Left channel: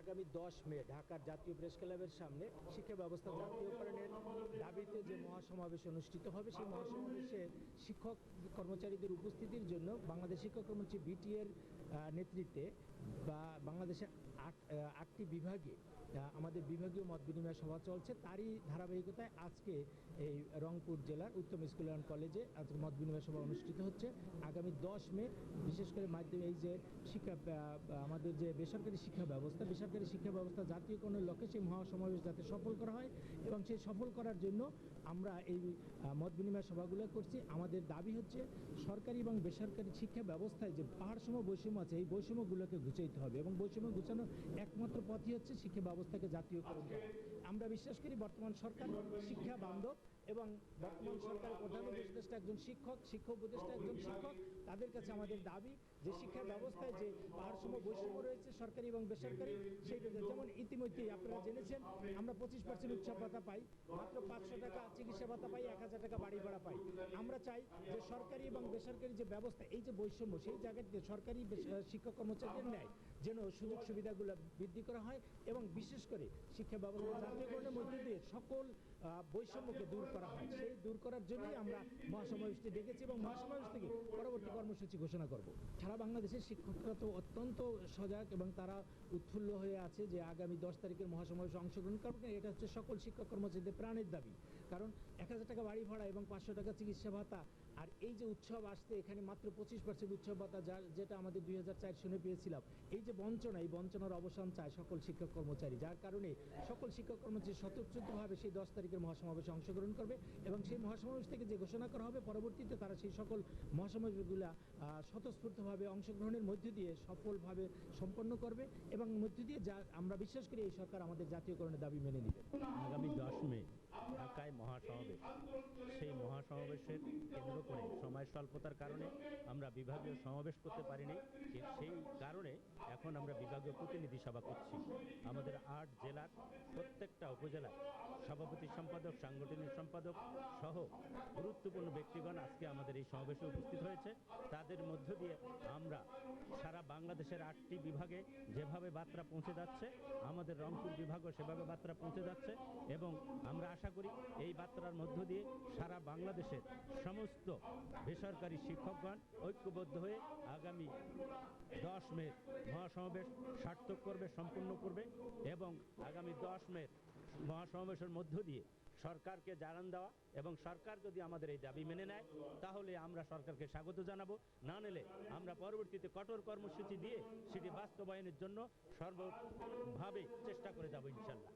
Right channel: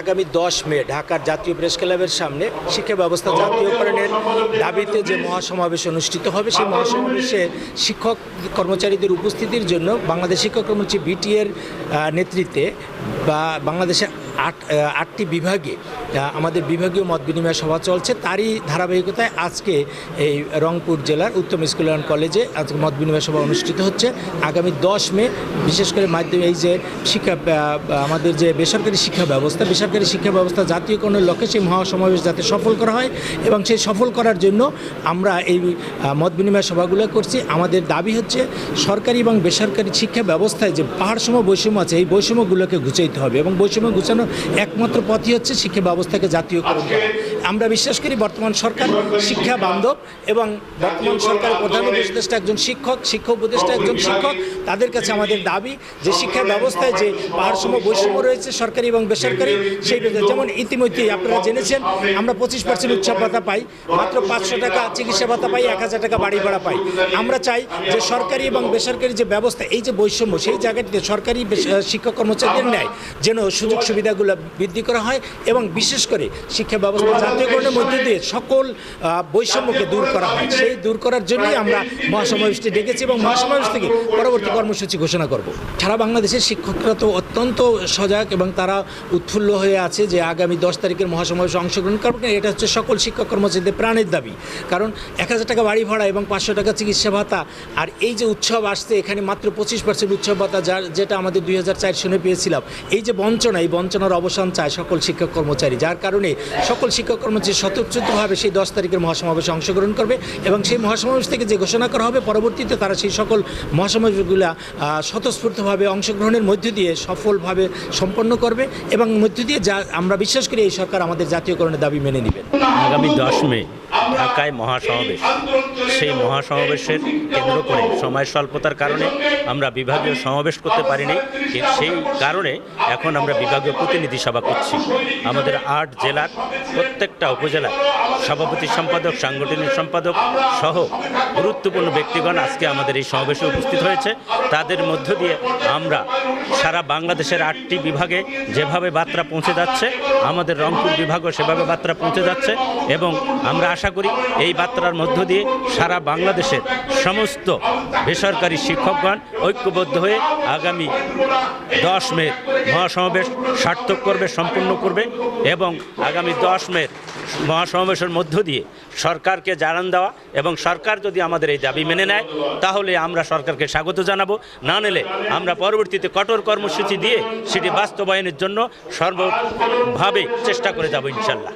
আগামী দশ মে ঢাকার জাতীয় প্রেস ক্লাবের সামনে শিক্ষা ব্যবস্থা জাতীয়করণের দাবিতে যে মহাসমাবেশ অনুষ্ঠিত হবে, সেই মহাসমাবেশে শিক্ষক কর্মচারীদের উপস্থিতির জন্য বাংলাদেশ শিক্ষক কর্মচারী বিটিএর নেতৃত্বে বা বাংলাদেশে আট আটটি বিভাগে আমাদের বিভাগীয় মত বিনিময় সভা চলছে। তারই ধারাবাহিকতায় আজকে এই রংপুর জেলার উত্তম স্কুল অ্যান্ড কলেজে আজকে মত বিনিময় সভা অনুষ্ঠিত হচ্ছে। আগামী দশ মে, বিশেষ করে মাধ্যমে এই যে শিক্ষা আমাদের যে বেসরকারি শিক্ষা ব্যবস্থা, বেসরকারি শিক্ষা ব্যবস্থা জাতীয়করণের লক্ষ্যে সেই মহাসমাবেশ যাতে সফল করা হয় এবং সেই সফল করার জন্য আমরা এই মত বিনিময় সভাগুলো করছি। আমাদের দাবি হচ্ছে সরকারি এবং বেসরকারি শিক্ষা ব্যবস্থায় যে পাহাড়সম বৈষম্য আছে, এই বৈষম্যগুলোকে ঘুচাইতে হবে এবং বৈষম্য ঘুচানোর একমাত্র পথই হচ্ছে শিক্ষা ব্যবস্থাকে জাতীয়করণ করা। আমরা বিশ্বাস করি বর্তমান সরকার শিক্ষা বান্ধব এবং বর্তমান সরকার প্রধান উপদেষ্টা একজন শিক্ষক শিক্ষক উপদেষ্টা একজন শিক্ষক। তাদের কাছে আমাদের দাবি যে শিক্ষা ব্যবস্থায় যে পাহাড়সম বৈষম্য রয়েছে সরকারি এবং বেসরকারি, সেই যেমন ইতিমধ্যেই আপনারা জেনেছেন, আমরা পঁচিশ পার্সেন্ট উৎসব ভাতা পাই, মাত্র পাঁচশো টাকা চিকিৎসা ভাতা পাই, এক হাজার টাকা বাড়ি ভাড়া পাই। আমরা চাই যে সরকারি এবং বেসরকারি যে ব্যবস্থা, এই যে বৈষম্য, সেই জায়গাটিতে সরকারি শিক্ষক কর্মচারীদের ন্যায় যেন সুযোগ সুবিধাগুলো বৃদ্ধি করা হয় এবং বিশেষ করে শিক্ষা ব্যবস্থা জাতীয়করণের মধ্যে দিয়ে সকল বৈষম্যকে দূর করা হয়। সেই দূর করার জন্যই আমরা মহাসমাবেশটি ডেকেছি এবং মহাসমাবেশ থেকে পরবর্তী কর্মসূচি ঘোষণা করব। সারা বাংলাদেশের শিক্ষকরা তো অত্যন্ত সজাগ এবং তারা উৎফুল্ল হয়ে আছে যে আগামী দশ তারিখের মহাসমাবেশে অংশগ্রহণ করবে এটা হচ্ছে সকল শিক্ষক কর্মচারীদের প্রাণের দাবি। কারণ এক হাজার টাকা বাড়ি ভাড়া এবং পাঁচশো টাকা চিকিৎসা ভাতা আর এই যে উৎসব আসছে এখানে মাত্র পঁচিশ পার্সেন্ট উৎসব ভাতা যার যেটা আমাদের দুই হাজার চার সনে পেয়েছিলাম। এই যে বঞ্চনা এই বঞ্চনার অবসান চায় সকল শিক্ষক কর্মচারী। যার কারণে সকল শিক্ষক কর্মচারী স্বতঃচ্ছুতভাবে সেই দশ তারিখের মহাসমাবেশে অংশগ্রহণ করবে এবং সেই মহাসমাবেশ থেকে যে ঘোষণা করা হবে, পরবর্তীতে তারা সেই সকল মহাসমাবেশগুলো স্বতঃস্ফূর্তভাবে অংশগ্রহণের মধ্য দিয়ে সফলভাবে সম্পন্ন করবে এবং মধ্য দিয়ে যা আমরা বিশ্বাস করি এই সরকার আমাদের জাতীয়করণের দাবি মেনে নেবে। আগামী দশ মে ঢাকায় মহাসমাবেশ। সেই মহাসমাবেশের কেন্দ্র করে সময় স্বল্পতার কারণে আমরা বিভাগীয় সমাবেশ করতে পারিনি। সেই কারণে এখন আমরা বিভাগীয় প্রতিনিধি সভা করছি। আমাদের আট জেলার প্রত্যেকটা উপজেলার সভাপতি সম্পাদক, সাংগঠনিক সম্পাদক সহ গুরুত্বপূর্ণ ব্যক্তিগণ আজকে আমাদের এই সমাবেশে উপস্থিত হয়েছে। তাদের মধ্য দিয়ে আমরা সারা বাংলাদেশের আটটি বিভাগে যেভাবে বার্তা পৌঁছে যাচ্ছে, আমাদের রংপুর বিভাগও সেভাবে বার্তা পৌঁছে যাচ্ছে এবং আমরা আশা করি এই বার্তার মধ্য দিয়ে সারা বাংলাদেশের সমস্ত বেসরকারি শিক্ষকগণ ঐক্যবদ্ধ হয়ে আগামী দশ মে মহাসমাবেশ সার্থক করবে, সম্পূর্ণ করবে এবং আগামী দশ মে মহাসমাবেশের মধ্য দিয়ে সরকারকে জানান দেওয়া এবং সরকার যদি আমাদের এই দাবি মেনে নেয়, তাহলে আমরা সরকারকে স্বাগত জানাব। না নিলে আমরা পরবর্তীতে কঠোর কর্মসূচি দিয়ে সেটি বাস্তবায়নের জন্য সর্বভাবে চেষ্টা করে যাব ইনশাল্লাহ।